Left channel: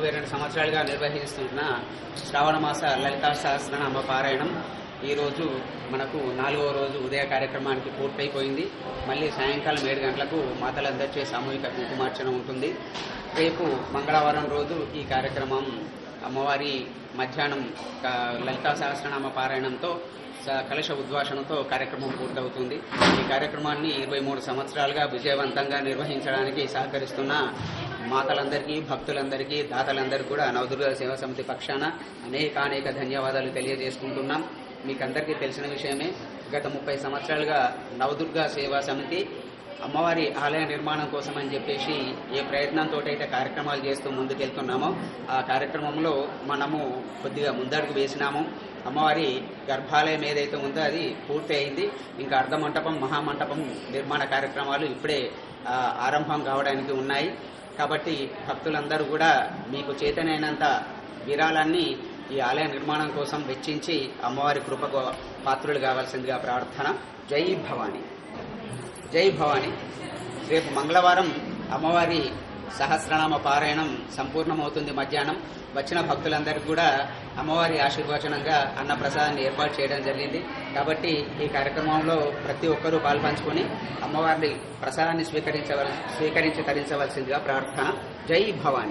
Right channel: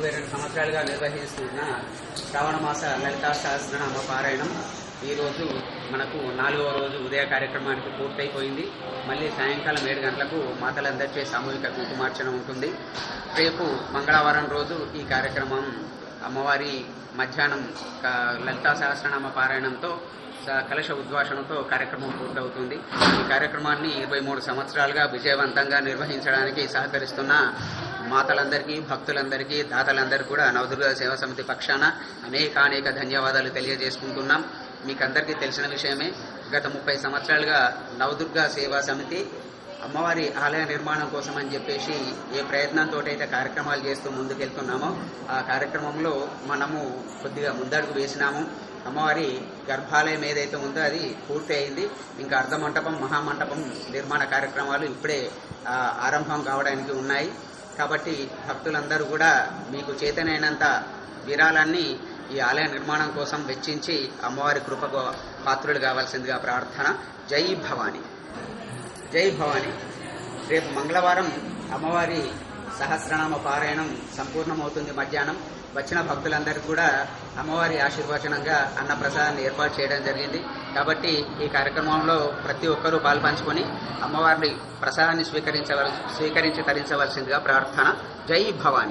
22 సంవత్సరాలుగా నిర్వహిస్తున్న శ్రావణమాస లలితా సహస్రనామ పారాయణం ఈరోజు మనకు 4వ రోజు ఉదయ కార్యక్రమానికి పూర్తయిపోయింది. మళ్ళీ సాయంకాలం 7 గంటలకు మాతలందరిచే సామూహిక కుంకుమార్చన ఉంటుంది. రేపు మంగళవారం రోజు ఈ కార్యక్రమం అమ్మవారి మధ్యాహ్నం లలితా సహస్రనామ పారాయణంతో కలశ ఉద్వాసనతో కార్యక్రమం పూర్తవుతుంది. ఈ కార్యక్రమాన్ని 23 సంవత్సరాలుగా విజయవంతంగా నిర్వహించడానికి సహకరిస్తున్న మాతలందరికీ, భక్తులందరికీ, దాతలందరికీ కూడా నవదుర్గా సేవా సమితి పక్షాన అనేక ధన్యవాదాలు తెలియజేసుకుంటున్నాం. మీకు అందరికీ తెలిసిన విషయమే, గత 30 సంవత్సరాలుగా నవదుర్గా సేవా సమితి అమ్మవారి ఆలయ నిర్మాణం కోసం అని చెప్పేసి ఏ ప్రయత్నంతో అయితే కార్యక్రమాలు చేస్తూ ముందుకెళ్తున్నామో ఆ కార్యక్రమంలో మనము కొద్దిగా ముందడుగు వేసినాము. అమ్మవారి గర్భాలయం ఏదైతే ఉందో అది పూర్తి అయింది. ఇంకా అర్ధమంటపం, మహామంటపం నిర్మాణ కార్యక్రమాలు ఇప్పుడే ఆరంభం కావడానికి ఉన్నాయి. కాబట్టి భక్తులందరూ కూడా మీకు చేతనైనంత విరాళాన్ని ఈ ఆలయ నిర్మాణం కోసం వెచ్చించి అమ్మవారి కృపకు పాత్రులు కావాల్సిందిగా ప్రార్థన. జై భవానీ, జై భవానీ. రేపు మంగళవారం అమ్మవారి సహస్రనామ పారాయణం సంపూర్ణమవుతుంది. మధ్యాహ్నం వచ్చిన భక్తులందరికీ కూడా అమ్మవారి ఆశీర్వచనంగా అన్నప్రసాదాన్ని ఏర్పాటు చేయడం జరిగింది. కాబట్టి ఈ కార్యక్రమంలో ప్రతి ఒక్కరూ పాల్పంచుకొని అమ్మవారి ప్రసాదాన్ని స్వీకరించి తరించవలసిందిగా ప్రార్థన. జై భవానీ.